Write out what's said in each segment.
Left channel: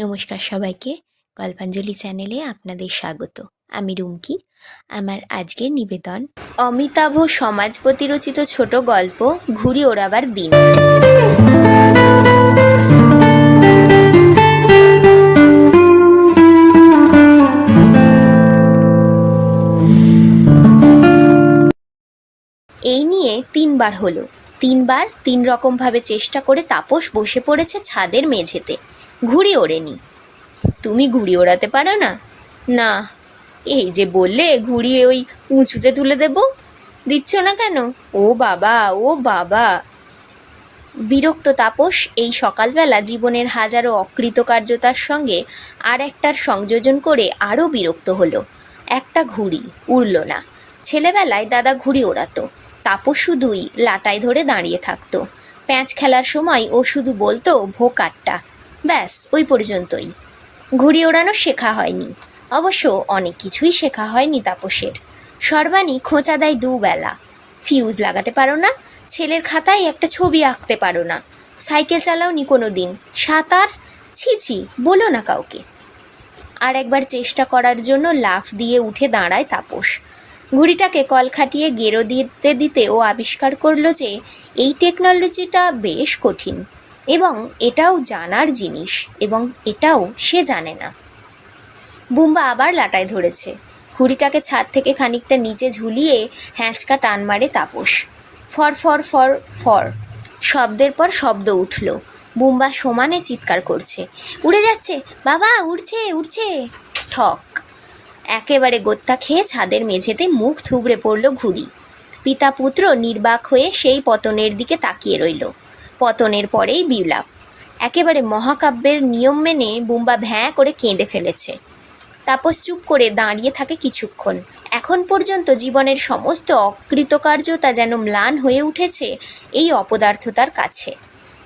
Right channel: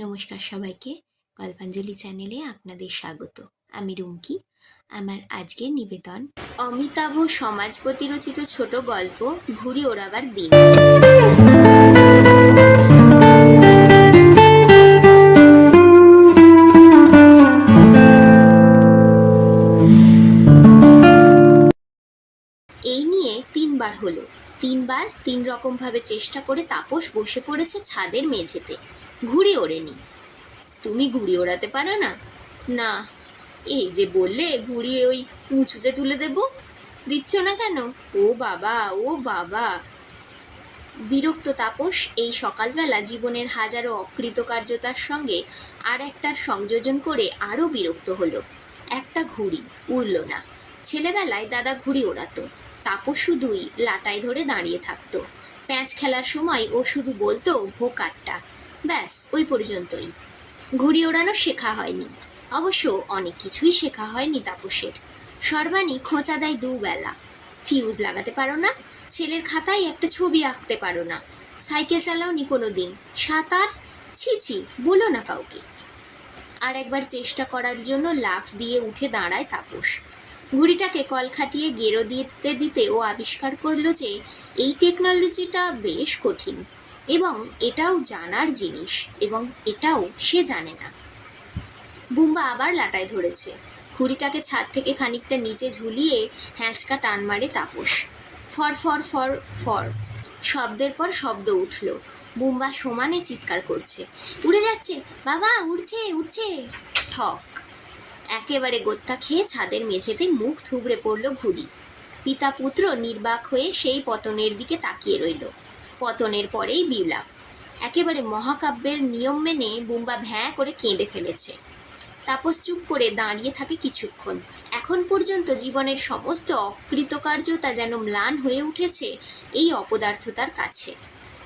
নমস্কার সবাইকে। গল্পাঞ্জলি চ্যানেলে আপনাদের স্বাগত। আমি রুমকি। আমার আজকের নিবেদন, অমিতাভ সমাজপতি রচিত ছোট গল্প ঘুড়ি ওড়াবার দিন। এই নিয়ে তিনবার হলো। তিনবার তিন রকমভাবে চেষ্টা করে তাপস বসে পড়েছে ছাদের মেঝেতে। ঘুড়ি ওড়েনি। তুমি ঘুড়ি ওড়াতে পারো না? না, এই যে বললে ঘুড়ি ওই উঁচুতে তুলে দেব। দিচ্ছ না কেন? ও বাবা ও বাবা। বিরক্ত তাপস এই সকালবেলা জীবনের হাজারো অকৃতকার্যতার সঙ্গে আর একটার সংযোজন করে আরও বিরক্ত হলো। একটা ঘুড়ি উড়ল না। ছেলেবেলায় দাদা ঘুড়ি ওড়াতো। তাপস শুধুই লাটাই ধরে দাঁড়িয়ে থাকতো। প্যাঁচ খেলার সময় ও শুধু বলতো, ভোকাট্টা। ব্যাস, ওই পর্যন্তই। ঘুড়ি ওড়ানো শেখা হয়নি। অবশ্য অনেক কিছুই শেখা হয়নি তাপসের। সর্বাণী খোঁচা দেয় দুবেলা। ফিউজ লাগাতে পারো না, ছেলের খাতায় একটা ছবি আঁকতে পারো না। সাইকেল চালাওনি কোনো দিন সাঁতার? ছি ছি, বলো না কাউকে। আর একবার চেষ্টা করার জন্য লাফ দিয়ে উঠে দাঁড়ায় তাপস। ঘুড়িটাকে কল খাটিয়ে গেরো দিতে দিতে ও আবিষ্কার করল যে, এই টেকনোলজিটা বেশ কঠিন। এবং এটাও জানার জিনিস এবং এটাও সে জানে না। বুম্বা আবার লাটায় ধরেছে। ঘুড়িটাকে ছাদ থেকে খানিকটা নিচে ঝুলিয়ে হ্যাঁচকা টান মারে Tapas. For for for for. শব্দের পর শব্দ উঠল। বুম্বা সমানে চিৎকার করছে। উড়ে যাচ্ছে! বাবা, উড়ছে উড়ছে! ঠক। একেবারে গোত্তা খেয়ে ছাদের মেঝেতে মুখ থুবড়ে পড়ল ঘুড়ি। পিতা পুত্র নির্বাক হয়ে সেই পতনের দিকে তাকিয়ে রইল। পতনের পরেই বিলাপ একেবারে মহাকাব্যের নিয়ম মেনে বুম্বা ভ্যাঁ করে কেঁদে ফেলেছে। তাপস চুপ করে দাঁড়িয়ে থাকে কিছুক্ষণ। এখন পর্যন্ত জীবনের সমস্ত অকৃতকার্যতা যেন ম্লান হয়ে উঠেছে এই অপদার্থতার কাছে।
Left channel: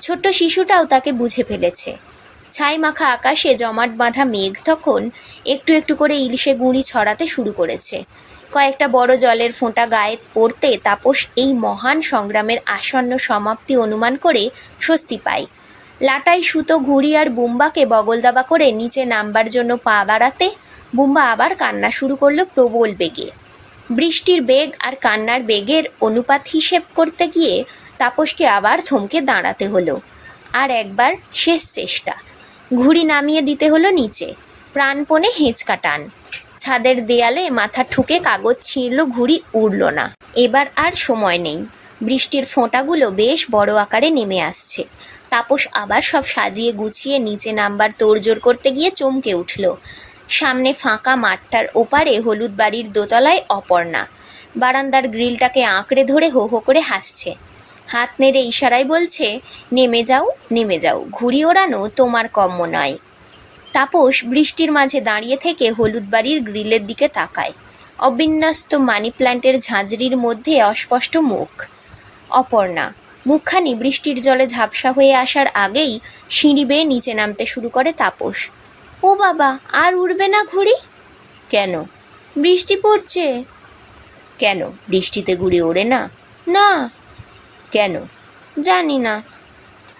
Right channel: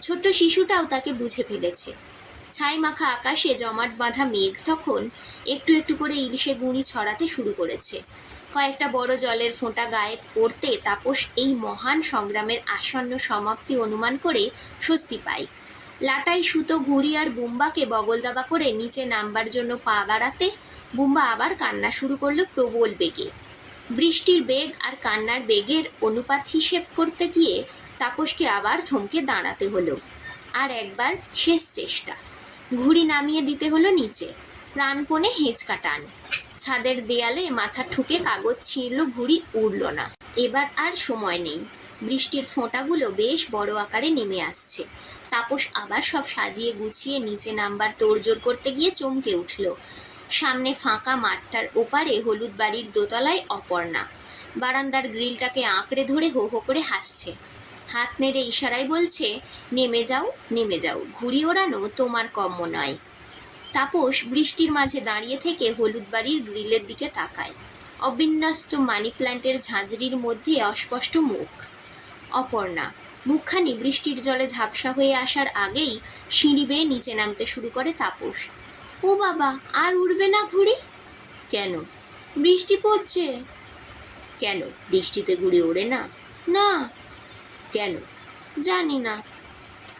ছোট্ট শিশুটাও তাকে বুঝে ফেলেছে। ছাই মাখা আকাশে জমাট বাঁধা মেঘ তখন একটু একটু করে ইলিশে গুঁড়ি ছড়াতে শুরু করেছে। কয়েকটা বড় জলের ফোঁটা গায়ে পড়তে তাপস এই মহান সংগ্রামের আসন্ন সমাপ্তি অনুমান করে স্বস্তি পায়। লাটাই সুতো ঘুড়ি আর বুম্বাকে বগলদাবা করে নিচে নামবার জন্য পা বাড়াতে বুম্বা আবার কান্না শুরু করল প্রবল বেগে। বৃষ্টির বেগ আর কান্নার বেগের অনুপাত হিসেব করতে গিয়ে তাপসকে আবার থমকে দাঁড়াতে হলো। আর একবার শেষ চেষ্টা। ঘুড়ি নামিয়ে দিতে হলো নিচে। প্রাণপণে হেঁচকা টান। ছাদের দেয়ালে মাথা ঠুকে কাগজ ছিঁড়ল, ঘুড়ি উড়ল না। এবার আর সময় নেই। বৃষ্টির ফোঁটাগুলো বেশ বড় আকারে নেমে আসছে। তাপস আবার সব সাজিয়ে গুছিয়ে নিচে নাম্বার তোড়জোড় করতে গিয়ে চমকে উঠল। সামনে ফাঁকা মাঠটার ওপারে হলুদ বাড়ির দোতলায় অপর্ণা। বারান্দার গ্রিলটাকে আঁকড়ে ধরে হো হো করে হাসছে। হাত নেড়ে ইশারায় বলছে, নেমে যাও নেমে যাও। ঘুড়ি ওড়ানো তোমার কম্য নয়। তাপস বৃষ্টির মাঝে দাঁড়িয়ে থেকে হলুদ বাড়ির গ্রিলের দিকে তাকায়। অবিন্যস্ত মানি প্ল্যান্টের ঝাঁঝরির মধ্যে অস্পষ্ট মুখ। অপর্ণা, মুখখানি বৃষ্টির জলে ঝাপসা হয়ে আসার আগেই সিঁড়ি বেয়ে নিচে নামতে শুরু করে তাপস। ও বাবা, আর উড়বে না ঘুড়ি? কেন? বৃষ্টি পড়ছে। কেন? বৃষ্টিতে ঘুড়ি ওড়ে না? না। কেন? জানি না।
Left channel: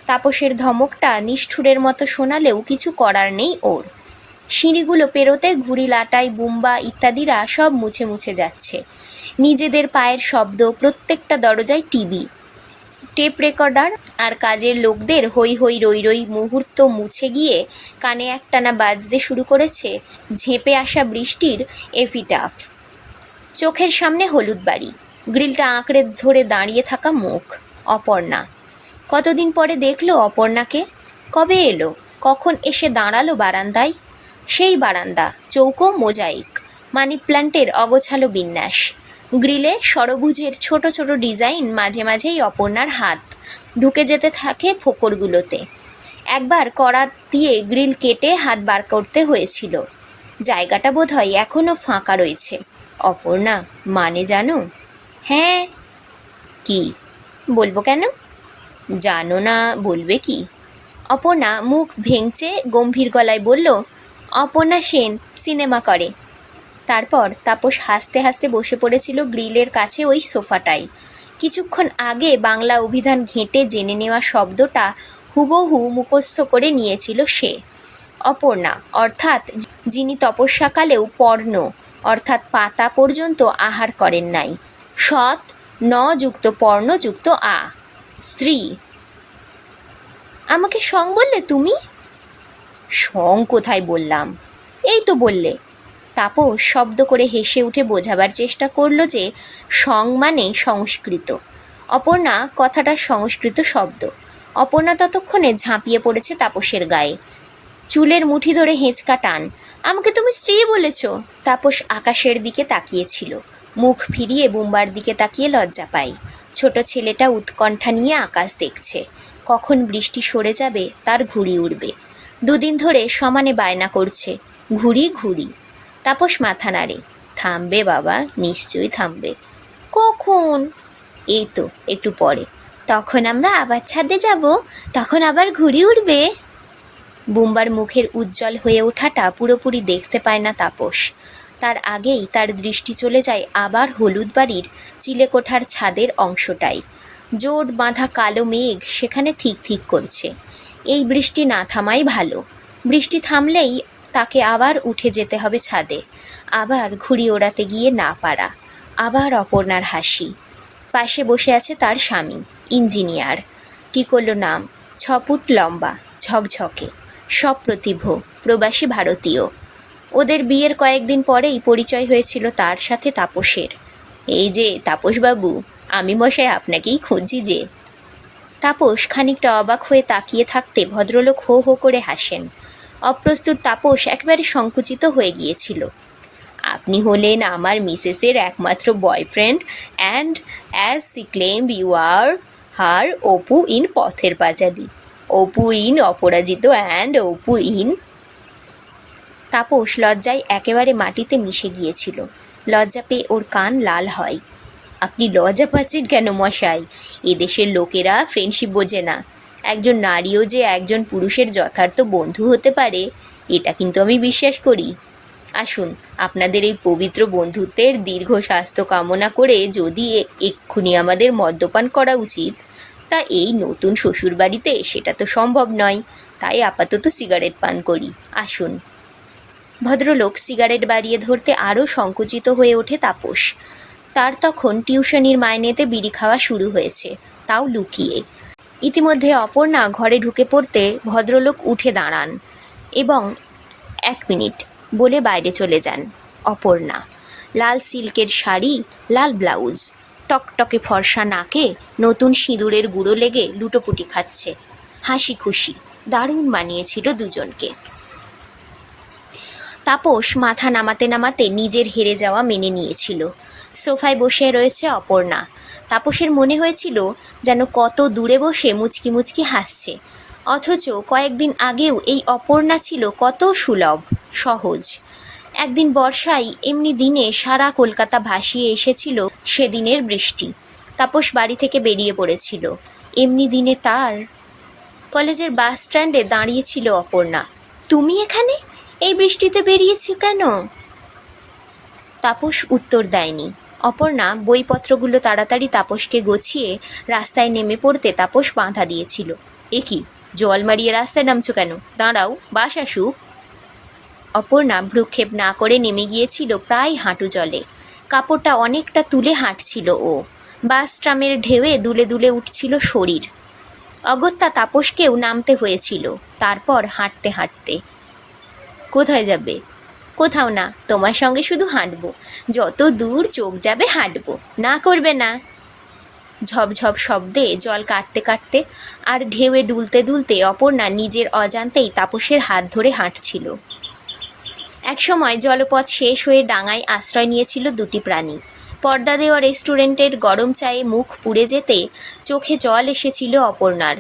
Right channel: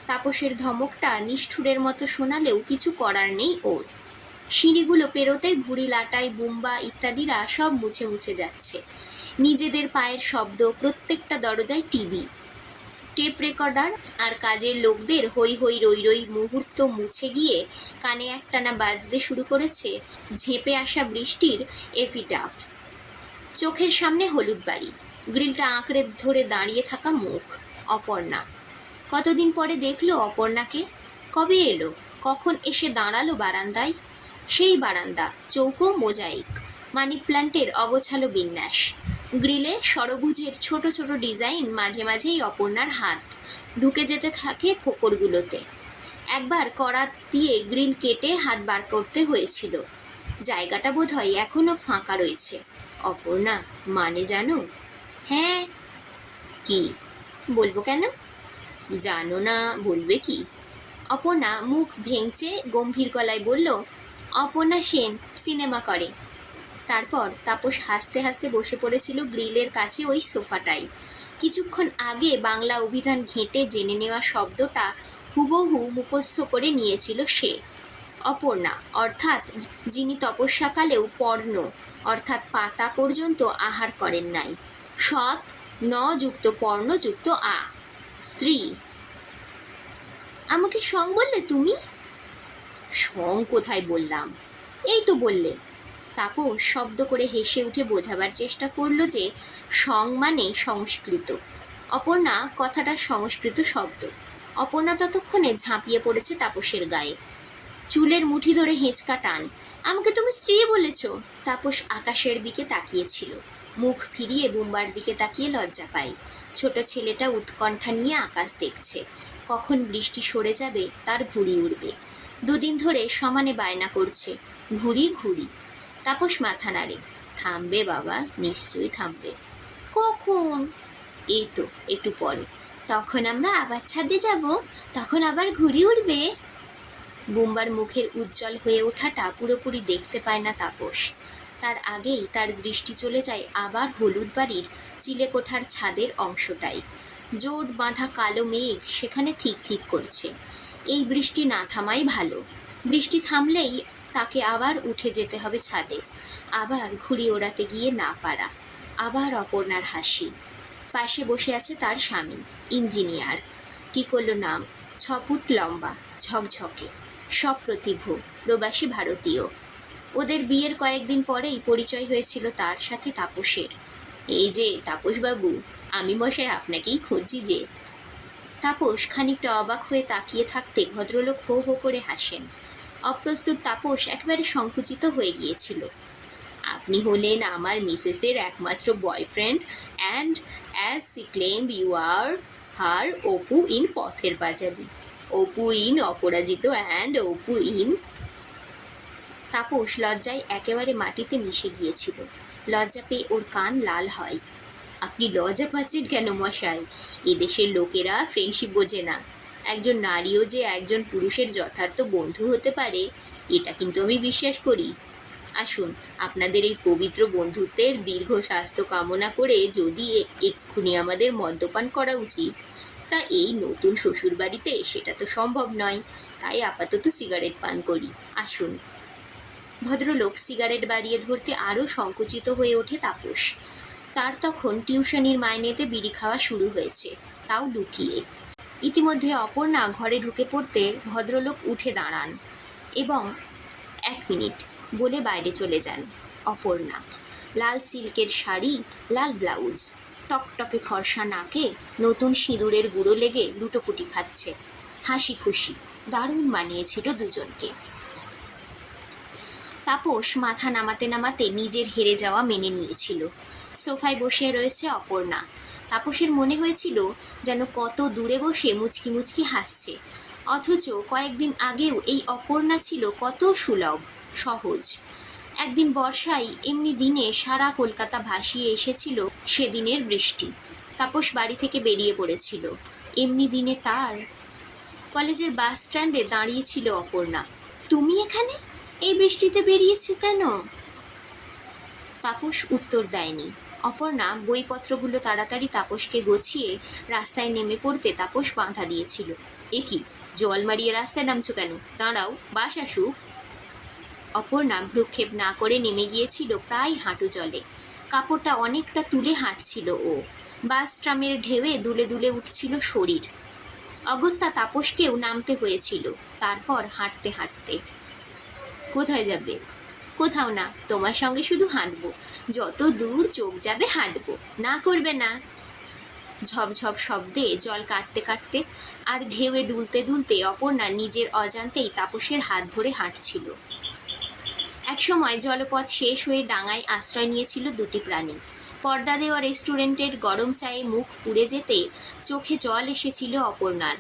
তাপসের ধমকটা নিষ্ঠুরের মতো শোনালেও কিছু করার নেই ওর। সিঁড়িগুলো পেরোতে ঘুড়ি, লাটাই, বুম্বা ইত্যাদিরা সব মুছে মুছে যাচ্ছে। নিজেদের পায়ের শব্দ, প্রত্যেকটা দরজায় টিভি। টেপ রেকর্ডার আর কাজের লোকদের হই হই রই রই মুহূর্ত মুছে গিয়ে কানে একটানা বাজতে শুরু করেছে ঝেঁপে আসা বৃষ্টির এফিটাফ। চোখের সামনে হলুদ বাড়ি। গ্রিলটা আঁকড়ে ধরে দাঁড়িয়ে থাকা মুখ, অপর্ণা। কতদিন পরে দেখল অপর্ণাকে? কবে এলো? কখন এসে দাঁড়াল বারান্দায়? সেই বারান্দা, চৌকো, মোজাইক, মানি প্ল্যান্টের অগোছালো বিন্যাস। গ্রিলে সরভুজের ছোট ছোট ডিজাইন মাঝে মাঝেই অপর্ণার হাত। ঢুকে যেতে থাকে ফোকরগুলোতে। একবার করাত দিয়ে গ্রিল কেটে হাত বার করতে হয়েছিল। জায়গাটা বোধহয় এখনও ফাঁকা রয়েছে। অপর্ণা মানে জানো? হ্যাঁ। কি? বলব কেন? জানো না, বলবে কি? অপর্ণা মুখ ভেঙচে গম্ভীর গলায় বলল, অপর্ণা সেন, সিনেমা করে। তারপর তাপস হাসতে হাসতে বসে পড়েছিল গ্রিলের কাছে ওই সোফাটাই কিছুক্ষণ আগে বাংলা অভিধান ঘেঁটে জেনে নেওয়া শব্দটা হুবহু মুখস্থ করে নিয়েছিল সে। অপর্ণা, অর্থাৎ যিনি তপস্যাকালেও পর্ণ, অর্থাৎ পাতা পর্যন্ত আহার করেন নাই। সৎ ন যুক্ত পর্ণ যুক্ত আ। স্ত্রী। আমাকে সং বললে তুমি? সং কোথায় বললাম? এই তো বললে। তাপস শব্দ করে হেসে উঠে বোঝাবার চেষ্টা করল যে সং মানে সংস্কৃত। অপর্ণা কথাটা সংস্কৃত শব্দ। অপর্ণা ততক্ষণে ঝাঁপিয়ে পড়েছে তাপসের গায়ে। চুলের মুঠি ধরে হেঁচকা টান। আমাকে তুমি স্ত্রী বলেছ? তাপস আকাশের দিকে তাকিয়েছিল মুখ ফিরিয়ে বুম্বার দিকে তাকিয়ে লজ্জা পাই ছোট ছেলেটা উৎকণ্ঠা নিয়ে আকাশ দেখছে। কখন বৃষ্টি সরে যাবে, তার ঘুড়ি উড়বে। দুদিন ধরে সমানে বায়না করছে, ঘুড়ি ঘুড়ি। তাপস মাথা নাড়ে, থামবে বাবা, নিশ্চয়ই থামবে। কখন? এই তো, একটু পরে। তখন আমরা আবার ছাদে যাব, তখন আবার ঘুড়ি উঠবে বুম্বার মুখের উজ্জ্বল হয়ে ওঠাটা পুরোপুরি দেখতে পায় না তাপস। তার আগেই তার দৃষ্টি চলে যায় আবার হলুদ বাড়ির চিলেকোঠার ছাদের অংশটাই। জোট বাঁধা কালো মেঘ সেখানে ঠিক ঠিক করছে। এই বৃষ্টি না থামাই ভালো। বৃষ্টি থামলেই তাকে আবার উঠে যেতে হবে ছাদে। আবার ঘুড়ি ওড়াতে গিয়ে না পারা। আবার অপর্ণার হাসি। পাশে বসে আছে তার স্বামী, ইঞ্জিনিয়ার। কী করল নাম? ছ ফুট লম্বা, ঝকঝকে। সপ্রতিভ, প্রবাসী ভারতীয়। ওদের বিয়ের কয়েকদিন পরেই পরিচয় হয়েছিল তার সাথে তাপসের। এই যে, তাপসবাবু, আমি মশাই আপনাকেই খুঁজছি যে। তাপস খানিকটা অবাক হয়ে তাকিয়ে থাকতে ভদ্রলোক হো হো করে হাসেন। অপ্রস্তুত তাপস একেবারে সংকুচিত হয়ে গিয়েছিল। আপনি হলেন আমার মিসেসের একমাত্র boyfriend and as she claim you are her, Apu in Pather Panchali. Apu in Aparajito and Apu in Tapas লজ্জায় একেবারে মাটিতে মিশে গিয়েছিল। লজ্জা পেয়ে ওর কান লাল হয়। আপনি লজ্জা পাচ্ছেন কেন মশাই? এদেশের লোকেরা ফ্রেন্ডশিপ বোঝে না। একজন নারীও যে একজন পুরুষের যথার্থ বন্ধু হতে পারে, এটা কিন্তু আমি বিশ্বাস করি। আসুন, আপনাদের এই পবিত্র বন্ধুত্বের দীর্ঘ স্বাস্থ্য কামনা করে যদি এক্ষুনি আমাদের মদ্যপান করা উচিত, তা এই নতুন শ্বশুরবাড়িতে সেটা তো সম্ভব নয়। তাই আপাতত সিগারেট পান করি। আসুন। ভদ্রলোক সিগারেট বাড়িয়ে ধরতে আরও সংকুচিত হয়ে ওঠে তাপস। তার তখন টিউশনির মাইনেতে বিড়ি খাওয়া শুরু হয়েছে, তাও লুকিয়ে। ইতিমধ্যে অপর্ণা ঘরে ঢুকে পড়তে ভদ্রলোক উঠে দাঁড়ান এবং এক মিনিট বলে বাইরে চলে যান অপর্ণা। লাল সিল্কের শাড়ি, লাল ব্লাউজ, টকটকে ফর্সা নাকে নতুন সিঁদুরের গুঁড়ো লেগে লুটোপুটি খাচ্ছে। হাসি খুশি দারুণ মানিয়েছিল দুজনকে। তাপস মাথা নামাতে নামাতে নিজের হেরে যাওয়া মেনে নিয়েছিল। সোফায় বসে রয়েছে অপর্ণা। তাপসের মনে হয়েছিল যেন কত দূরে বসে মুচকি মুচকি হাসছে। অথচ কয়েকদিন আগেও এই অপর্ণা ছিল কত সুলভ, সহজ। একদিন বর্ষায় এমনি দিনে সারা কলকাতা ভাসিয়ে এসেছিল সেদিনের বৃষ্টি। তাপস বাড়ি থেকে বেরিয়ে পড়েছিল। এমনি দিনে তার কলেজের বাস স্ট্যান্ডে দাঁড়িয়েছিল অপর্ণা। তুমি এখানে? এই বৃষ্টিতে বেরিয়েছো কেন? তাপস উত্তর দেয়নি। অপর্ণা বইপত্রগুলো তাড়াতাড়ি তাপসকে গছিয়ে রাস্তায় নেমে পড়তে তাপস বাঁধা দিয়েছিল। এ কি? জল মারিয়ে রাস্তায় নামছো কেন? দাঁড়াও, বাস আসুক। অপর্ণা ভ্রুক্ষেপ না করে নেমে গিয়েছিল প্রায় হাঁটু জলে। কাপড়টা অনেকটা তুলে হাঁটছিল ও। বাস ট্রামের ঢেউয়ে দুলে দুলে উঠছিল শরীর। অগত্যা তাপসকেও নামতে হয়েছিল। তারপর হাঁটতে হাঁটতে কোথায় যাবে? কোথাও না, তোমার সঙ্গে শুধু হাঁটবো। যত দূর চোখ যাবে হাঁটবো। না করবে না। ঝপঝপ শব্দে জল কাটতে কাটতে আর ঢেউয়ে ডুলতে দুলতে অপর্ণা নিজের অজান্তেই তাপসের হাত ধরে হাঁটছিল। একসময় জলপথ শেষ হয়ে ডাঙায় আশ্রয় নিয়েছিল দুটি প্রাণী। পর্দা দেওয়া রেস্টুরেন্টের গরম চায়ে মুখ পুড়ে যেতে চোখে জল এসেছিল অপর্ণার।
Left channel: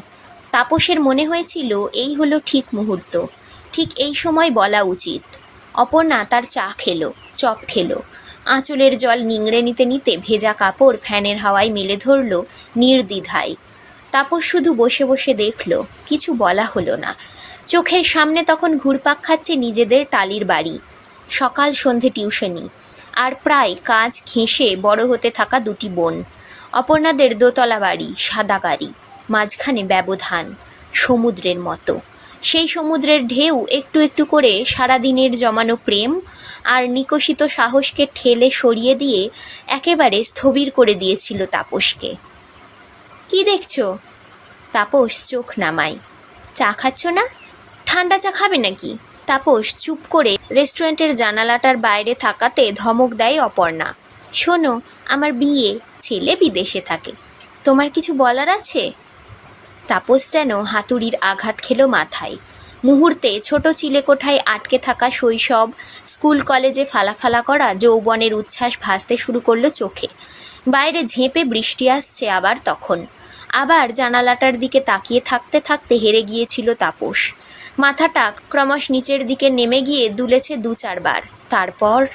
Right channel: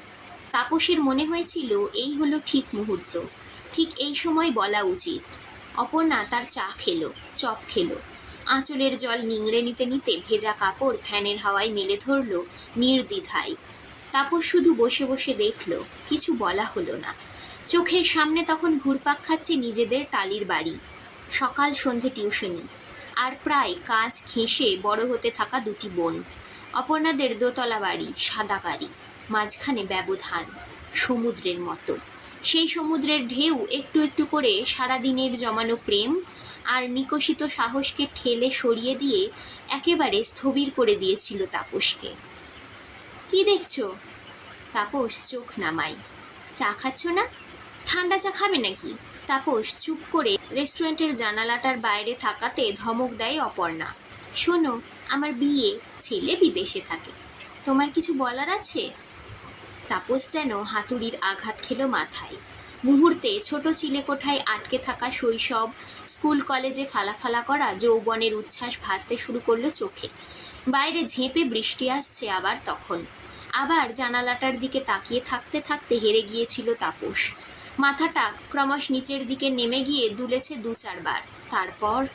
তাপসের মনে হয়েছিল, এই হলো ঠিক মুহূর্ত। ঠিক এই সময় বলা উচিত। অপর্ণা তার চা খেলো, চপ খেলো। আঁচলের জল নিংড়ে নিতে নিতে ভেজা কাপড় ফ্যানের হাওয়ায় মেলে ধরল নির্দ্বিধায়। তাপস শুধু বসে বসে দেখল, কিছু বলা হলো না। চোখের সামনে তখন ঘুরপাক খাচ্ছে নিজেদের টালির বাড়ি। সকাল সন্ধে টিউশনি, আর প্রায় কাজ ঘেঁষে বড় হতে থাকা দুটি বোন। অপর্ণাদের দোতলা বাড়ি, সাদা গাড়ি, মাঝখানে ব্যবধান, সমুদ্রের মতো। সেই সমুদ্রের ঢেউ একটু একটু করে সারাদিনের জমানো প্রেম আর নিকশিত সাহসকে ঠেলে সরিয়ে দিয়ে একেবারে স্থবির করে দিয়েছিল তাপসকে। কি দেখছ? তাপস চোখ নামায়। চা খাচ্ছ না? ঠান্ডা চা খাবে নাকি? তাপস চুপ করে রেস্টুরেন্টের জানালাটার বাইরে থাকাতে ধমক দেয় অপর্ণা। শোনো, আমার বিয়ে ছেলে বিদেশে থাকে। তোমার কিছু বলার আছে? তাপস যেন হাতুড়ির আঘাত খেল মাথায়। মুহূর্তে ছোট চিলেকোঠায় আটকে থাকা শৈশব, স্কুল কলেজে ফালাফালা করা যৌবনের উচ্ছ্বাস ভাসতে শুরু করল চোখে। বাইরে ঝেঁপে বৃষ্টি আসছে আবার তখন। আবার জানালাটার দিকে তাকিয়ে থাকতে থাকতে হেরে গিয়েছিল তাপস। মাথাটা ক্রমশ নিচের দিকে নেমে গিয়ে দুলেছে দু চারবার। তারপর?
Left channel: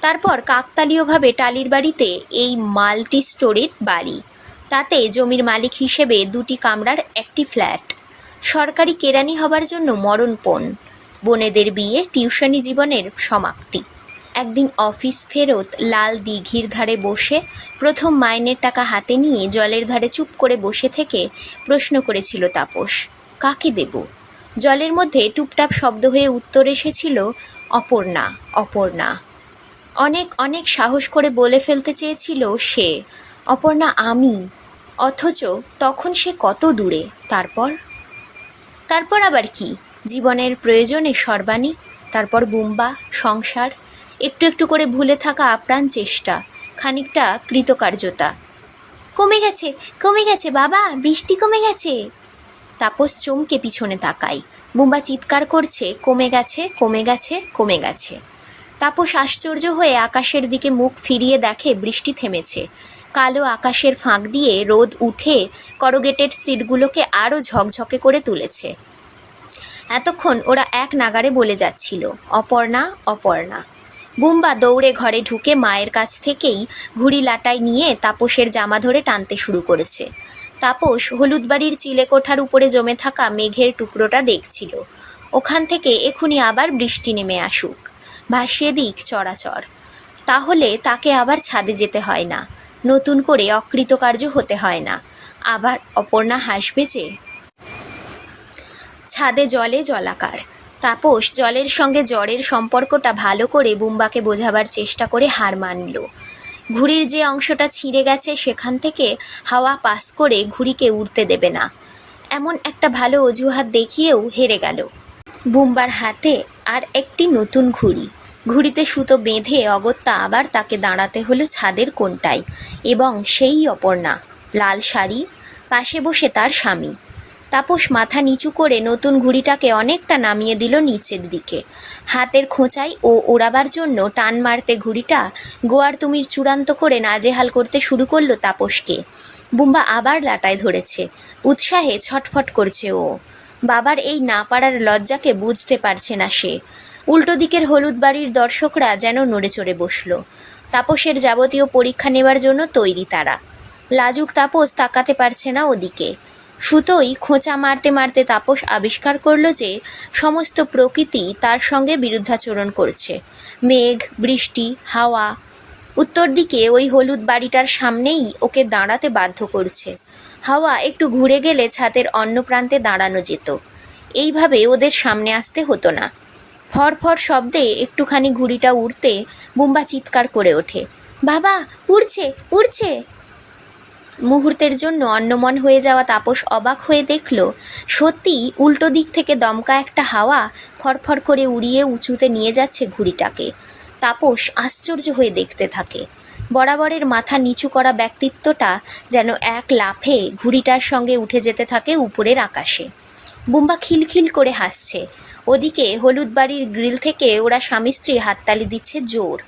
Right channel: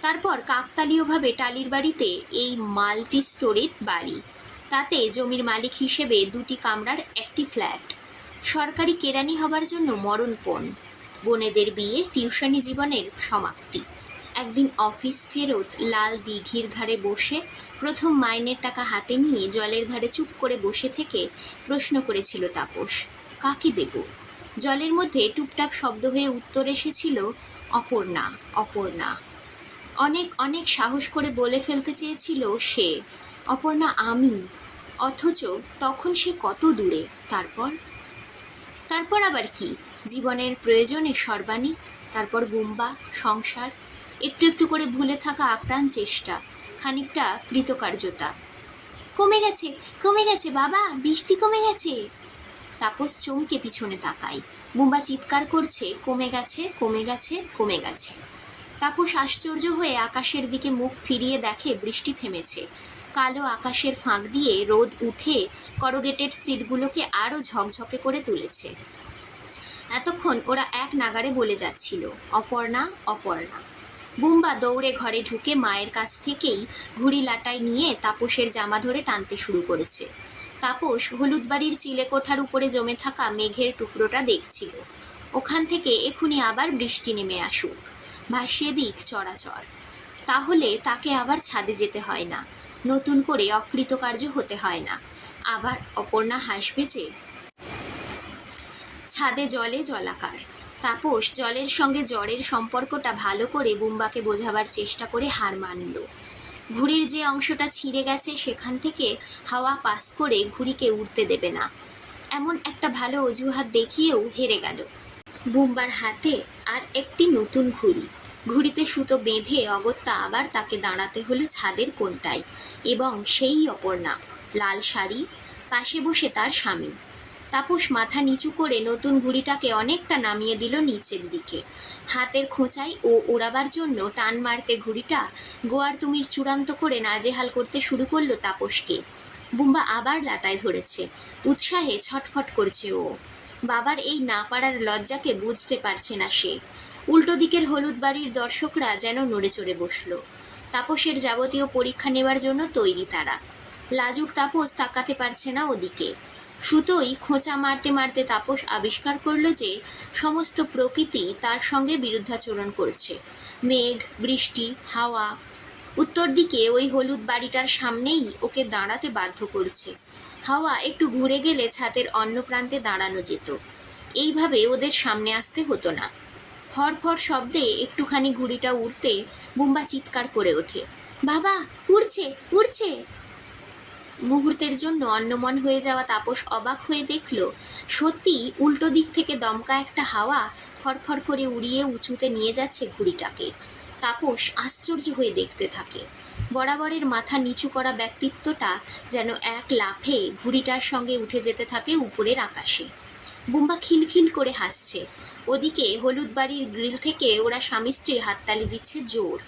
তারপর কাকতালীয়ভাবে টালির বাড়িতে এই মাল্টি স্টোরির বাড়ি। তাতে জমির মালিক হিসেবে দুটি কামরার একটি ফ্ল্যাট। সরকারি কেরানি হবার জন্য মরণপণ বোনেদের বিয়ে টিউশনি জীবনের সমাপ্তি। একদিন অফিস ফেরত লাল দিঘির ধারে বসে প্রথম মাইনের টাকা হাতে নিয়ে জলের ধারে চুপ করে বসে থেকে প্রশ্ন করেছিল তাপস, কাকে দেব? জলের মধ্যে টুপটাপ শব্দ হয়ে উত্তর এসেছিল, অপর্ণা অপর্ণা। অনেক অনেক সাহস করে বলে ফেলতে চেয়েছিল সে, অপর্ণা, আমি অথচ তখন সে কত দূরে, তারপর? তারপর আবার কি? জীবনের প্রয়োজনে সর্বাণী, তারপর বুম্বা, সংসার, একটু একটু করে ভুলে থাকা আপ্রাণ চেষ্টা, খানিকটা কৃতকার্যতা। কমে গেছে কমে গেছে বাবা, বৃষ্টি কমে গেছে। তাপস চমকে পিছনে তাকাই বুম্বা চিৎকার করছে, কমে গেছে কমে গেছে কমে গেছে। তাপস আশ্চর্য হয়ে আকাশের দিকে মুখ ফিরিয়ে দেখে বৃষ্টি থেমেছে। কালো আকাশের ফাঁক দিয়ে রোদ উঠে করগেটেড সিটগুলোকে আরও ঝকঝকে করে তুলেছে। এতক্ষণ ওরা এক নাগারে বলে যাচ্ছিল, অপর্ণা অপর্ণা। বুম্বা দৌড়ে ঘরে ঢুকে মায়ের কাছ থেকেই ঘুড়ি লাটাই নিয়ে তাপসের জামা ধরে টানতে শুরু করেছে। তাপস হলুদ বাড়ির চিলেকোঠার উপরে জমে থাকা মেঘের টুকরোটা দেখছিল। ওখান থেকে এখুনি আবার বৃষ্টি নেমে আসুক। ভাসিয়ে দিক চরাচর। তাহলে তাকে আবার ছাদে যেতে হয় না। নতুন করে অকৃতকার্য হতে হয় না। আবার অপর্ণা হাসবে যে, ছাদে জলে জলাকার। তাপস জলের সঙ্গে জ্বরের সম্পর্কটা ভালো করে বুম্বাকে বোঝাবার চেষ্টা করে হার মানল। ঘুড়ির যে অংশটা ছিঁড়ে গেছে সেখান থেকে হাওয়া পাস করে ঘুড়িকে উড়তে দেবে না। এমন একটা ভালো অজুহাত দেখিয়েও হেরে গেল। বুম্বার হাতে আর একটি নতুন ঘুড়ি। ঘুড়িতে সুতো বেঁধে অগত্যা আবার তাকে দাঁড়াতে হলো ছাদের কোনটায় এবং সেই অপর্ণা, লাল শাড়ি, পাশে বসে তার স্বামী। তাপস মাথা নিচু করে নতুন ঘুড়িটাকে অনেকটা নামিয়ে দিল নিচের দিকে। হাতের খোঁচাই ও ওড়াবার জন্য টান মারতে ঘুড়িটা গোয়ার তুমির চূড়ান্ত করে নাজেহাল করতে শুরু করল তাপসকে। বুম্বা আবার লাটায় ধরেছে। উৎসাহে ছটফট করছে ও। বাবার এই না পারার লজ্জাকে বুঝতে পারছে না সে। উল্টো দিকের হলুদ বাড়ির দর্শকরা যেন নড়ে চড়ে বসল। তাপসের যাবতীয় পরীক্ষা নেবার জন্য তৈরি তারা। লাজুক তাপস তাকাতে পারছে না ওদিকে। সুতোই খোঁচা মারতে মারতে তাপস আবিষ্কার করল যে সমস্ত প্রকৃতি তার সঙ্গে বিরুদ্ধাচরণ করছে। মেঘ, বৃষ্টি, হাওয়া। উত্তর দিকে ওই হলুদ বাড়িটার সামনেই ওকে দাঁড়াতে বাধ্য করছে। হাওয়া একটু ঘুরে গেলে ছাদের অন্য প্রান্তে দাঁড়ানো যেত। এইভাবে ওদের সামনে আসতে হতো না। ফরফর শব্দে একটুখানি ঘুড়িটা উড়তে বুম্বা চিৎকার করে ওঠে। বাবা, উড়ছে উড়ছে। মুহূর্তের জন্য অন্যমন হয়ে যাওয়া তাপস অবাক হয়ে দেখল সত্যি উল্টো দিক থেকে দমকা একটা হাওয়া ফরফর করে উড়িয়ে উঁচুতে নিয়ে যাচ্ছে ঘুড়িটাকে। তাপস আশ্চর্য হয়ে দেখতে থাকে। বরাবরের মাথা নিচু করা ব্যক্তিত্বটা যেন এক লাফে ঘুড়িটার সঙ্গে উঠে যেতে থাকে উপরের আকাশে। বুম্বা খিলখিল করে হাসছে। ওদিকে হলুদ বাড়ির গ্রিল থেকে ওরা স্বামী স্ত্রী হাততালি দিচ্ছে জোর।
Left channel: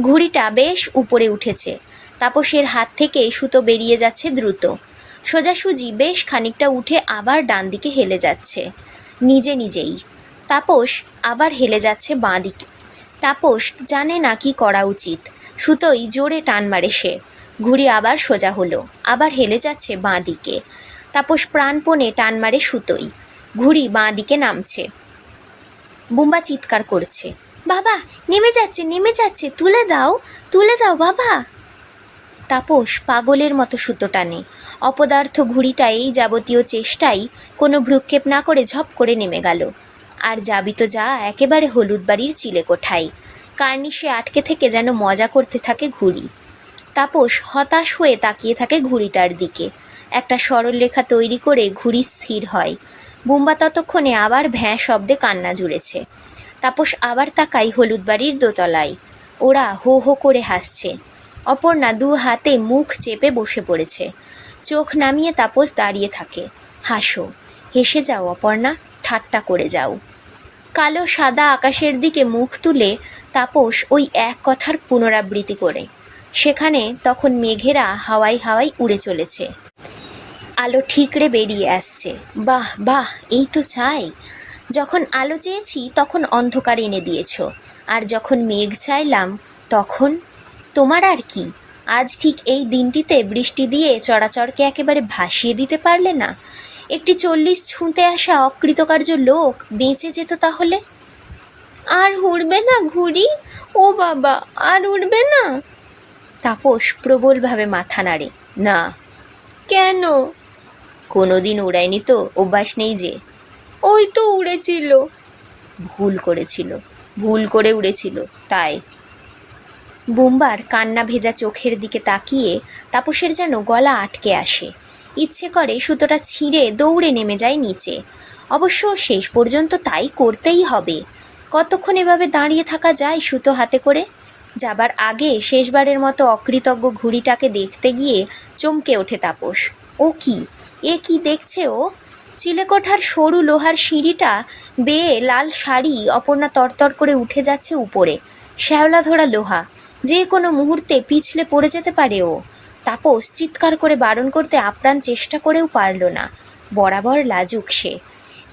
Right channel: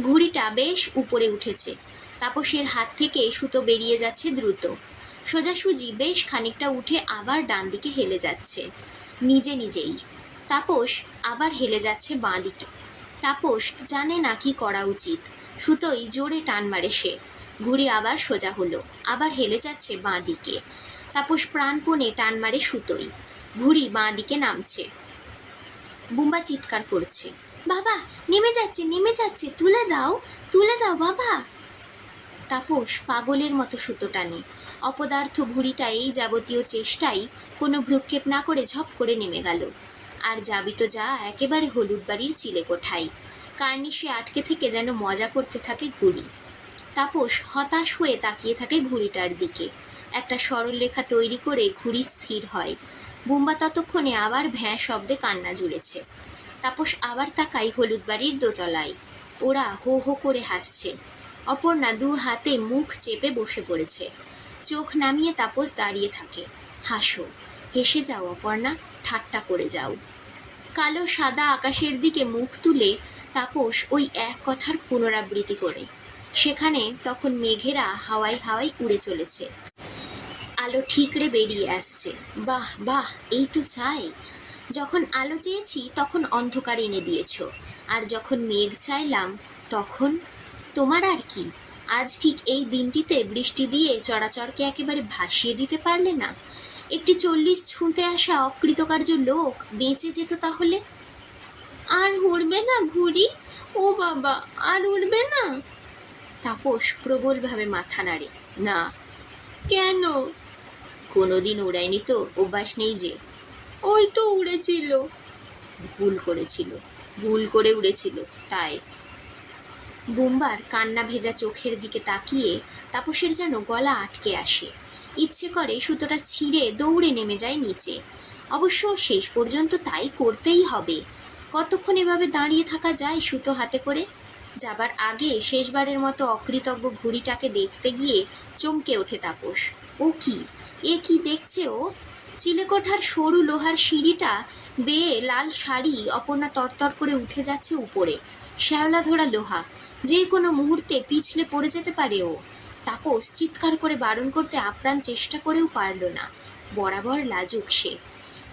ঘুড়িটা বেশ উপরে উঠেছে। তাপসের হাত থেকে সুতো বেরিয়ে যাচ্ছে দ্রুত। সোজাসুজি বেশ খানিকটা উঠে আবার ডান দিকে হেলে যাচ্ছে। নিজে নিজেই। তাপস আবার হেলে যাচ্ছে বাঁ দিকে তাপস জানে না কি করা উচিত। সুতোই জোরে টান মারে সে। ঘুড়ি আবার সোজা হলো। আবার হেলে যাচ্ছে বাঁ দিকে তাপস প্রাণপণে টান মারে সুতোই ঘুড়ি বাঁ দিকে নামছে। বুম্বা চিৎকার করছে, বাবা, নেমে যাচ্ছে নেমে যাচ্ছে, তুলে দাও তুলে দাও, বাবা! তাপস পাগলের মতো সুতো টানে। অপদার্থ ঘুড়িটা এই যাবতীয় চেষ্টাই কোনো ভ্রুক্ষেপ না করে ঝপ করে নেমে গেল। আর যাবি তো যা, একেবারে হলুদ বাড়ির চিলে কোঠায় কার্নিশে আটকে থেকে যেন মজা করতে থাকে ঘুড়ি। তাপস হতাশ হয়ে তাকিয়ে থাকে ঘুড়িটার দিকে। একটা সরল রেখা তৈরি করে ঘুড়ি স্থির হয়। বুম্বা ততক্ষণে আবার ভ্যাঁ শব্দে কান্না জুড়েছে। তাপস আবার তাকাই হলুদ বাড়ির দোতলায়। ওরা হো হো করে হাসছে। অপর্ণা দু হাতে মুখ চেপে বসে পড়েছে। চোখ নামিয়ে তাপস দাঁড়িয়ে থাকে। হাসো। হেসে যাও অপর্ণা, ঠাট্টা করে যাও। কালো সাদা আকাশের দিকে মুখ তুলে তাপস ওই এক কথার পুনরাবৃত্তি করে। সেখানে তখন মেঘেরা হাওয়াই হাওয়াই উড়ে চলেছে। আলো ঠিকরে বেরিয়ে আসছে। বাহ বাহ, এই তো চাই যখন আলো চেয়েছি, তখন অন্ধকার এনে দিয়েছ। আর যখন মেঘ চাইলাম, তখন তোমার আর কি? আজ ঠিক এই দিনটিতে বৃষ্টি দিয়ে চরাচরকে একেবারে ভাসিয়ে দিতে পারলে না? একটি চল্লিশ ছুঁতে আসা অকৃতকার্য লোক বেঁচে যেত তাহলে? আর উড়বে না ঘুড়ি? ও বাবা, আর উড়বে না? তাপস প্রবলভাবে মাথা নাড়ে। না। কেন? কোনোদিন উড়ায়নি তো, অভ্যাস নেই যে। ওই তো উড়েছিল। ভুল করেছিল, ভুল করে উড়েছিল, তাই। বুম্বার কান্না ভেজা চোখের দিকে তাকিয়ে তাপসের যেন গলা আটকে আসে। ইচ্ছে করে সুতোটা ছিঁড়ে দৌড়ে নেমে যায় নিচে। অবশ্য শেষ পর্যন্ত তাই করতেই হবে। কতক্ষণ এভাবে দাঁড়িয়ে থাকা যায় সুতো হাতে করে? যাবার আগে শেষবারের মতো অকৃতজ্ঞ ঘুড়িটাকে দেখতে গিয়ে চমকে ওঠে তাপস। ও কি? এ কি দেখছে ও? চিলেকোঠার সরু লোহার সিঁড়িটা বেয়ে লাল শাড়ি অপর্ণা তরতর করে উঠে যাচ্ছে উপরে। শ্যাওলা ধরা লোহা, যে কোনো মুহূর্তে পিছলে পড়ে যেতে পারে ও। তাপস চিৎকার করে বারণ করতে আপ্রাণ চেষ্টা করেও পারল না। বরাবর লাজুক সে।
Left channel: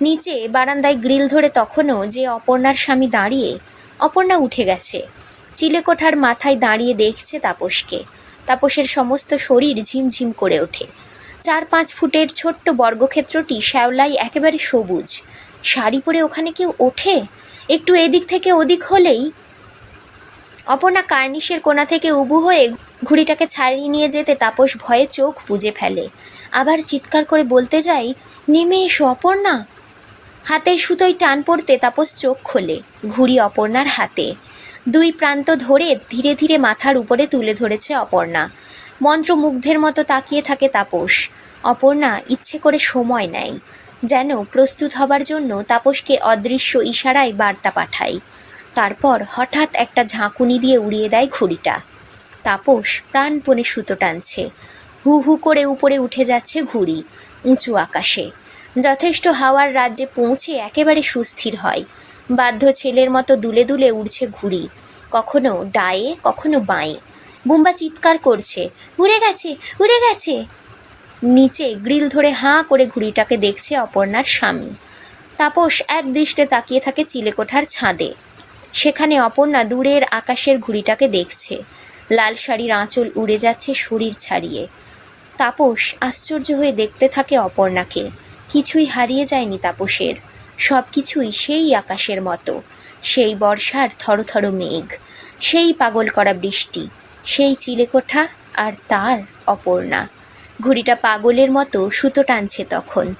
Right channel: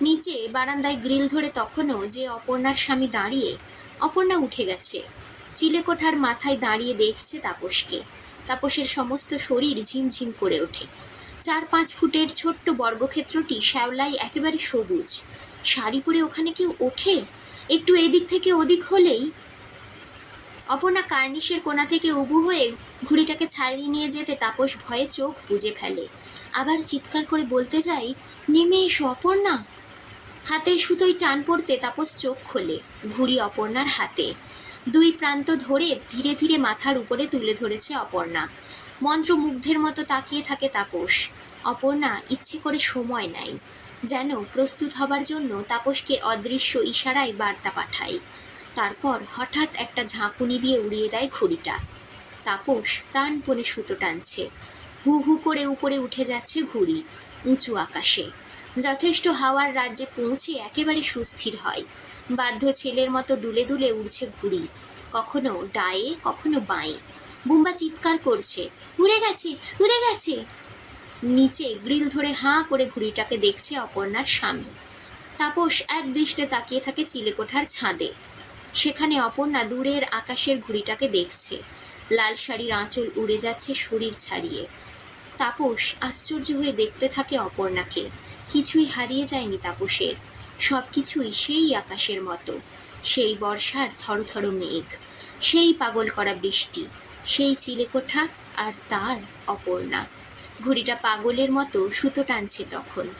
নিচে বারান্দায় গ্রিল ধরে তখনও যে অপর্ণার স্বামী দাঁড়িয়ে, অপর্ণা উঠে গেছে। চিলেকোঠার মাথায় দাঁড়িয়ে দেখছে তাপসকে। তাপসের সমস্ত শরীর ঝিমঝিম করে ওঠে। চার পাঁচ ফুটের ছোট্ট বর্গক্ষেত্রটি শ্যাওলায় একেবারে সবুজ। শাড়ি পরে ওখানে কেউ ওঠে? একটু এদিক থেকে ওদিক হলেই? অপর্ণা কার্নিশের কোণা থেকে উবু হয়ে ঘুড়িটাকে ছাড়িয়ে নিয়ে যেতে তাপস ভয়ে চোখ বুজে ফেলে। আবার চিৎকার করে বলতে যাই নেমে এসো অপর্ণা। হাতের সুতোয় টান পড়তে তাপস চোখ খোলে, ঘুড়ি অপর্ণার হাতে। দুই প্রান্ত ধরে ধীরে ধীরে মাথার উপরে তুলে ধরেছে অপর্ণা। মন্ত্রমুগ্ধের মতো তাকিয়ে থাকে তাপস। অপর্ণা ইচ্ছে করে সময় নেয়, যেন প্রস্তুত হবার জন্য তাপসকে অদৃশ্য ইশারায় বার্তা পাঠায়। তারপর হঠাৎ একটা ঝাঁকুনি দিয়ে উড়িয়ে দেয় ঘুড়িটা। তাপস প্রাণপণে সুতো টানছে। হু হু করে উপরে উঠে যাচ্ছে ঘুড়ি, উঁচু আকাশে। যথেষ্ট হাওয়ার রাজ্যে পৌঁছে একেবারে সুস্থির হয়। বাধ্য ছেলের মতো দুলে দুলে উড়ছে ঘুড়ি, কখনো ডায়ে, কখনো বাঁয়ে। বুম্বা চিৎকার করছে, উড়ে গেছে উড়ে গেছে! নিচে গ্রিল ধরে হাঁ করে ঘুড়িটাকে দেখছে অপর্ণার স্বামী। তাপস এক দৃষ্টে তাকিয়ে থাকে চিলেকোঠার ছাদে। সেখানে অপর্ণা দূরের আকাশের ঘুড়িটাকে দেখছে। লাল শাড়ির আঁচল উড়ে যাচ্ছে শরীর ছাড়িয়ে। তাপস আশ্চর্য হয়ে দেখতে থাকে অপর্ণাকে। কিছুই হারিয়ে যায়নি তাপসের। সব কিছুই সেই আকাশের মতো। সেই বর্ষার থরথর মেঘ। সেই পাগল করা বৃষ্টি। সেই চিলেকোঠা আর তার অপর্ণা। ঘুড়িটা পাগলের মতো সুতো টানছে তখন।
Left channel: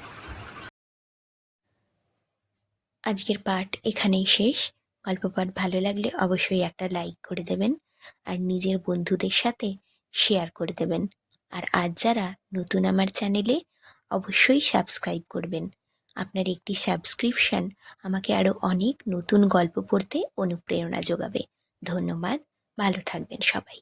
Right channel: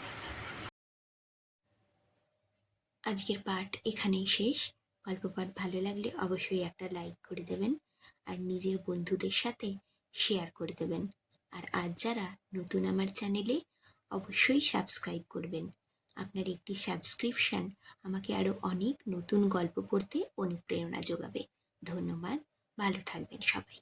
আজকের পাঠ এখানেই শেষ। গল্প পাঠ ভালো লাগলে অবশ্যই একটা লাইক করে দেবেন আর নিজের বন্ধুদের সাথে শেয়ার করে দেবেন। আর আজ যারা নতুন আমার চ্যানেলে, অবশ্যই সাবস্ক্রাইব করবেন। আপনার একটি সাবস্ক্রিপশন আমাকে আরও অনেক নতুন গল্প পড়তে অনুপ্রেরণা যোগাবে। ধন্যবাদ, ভালো থাকবেন সবাই।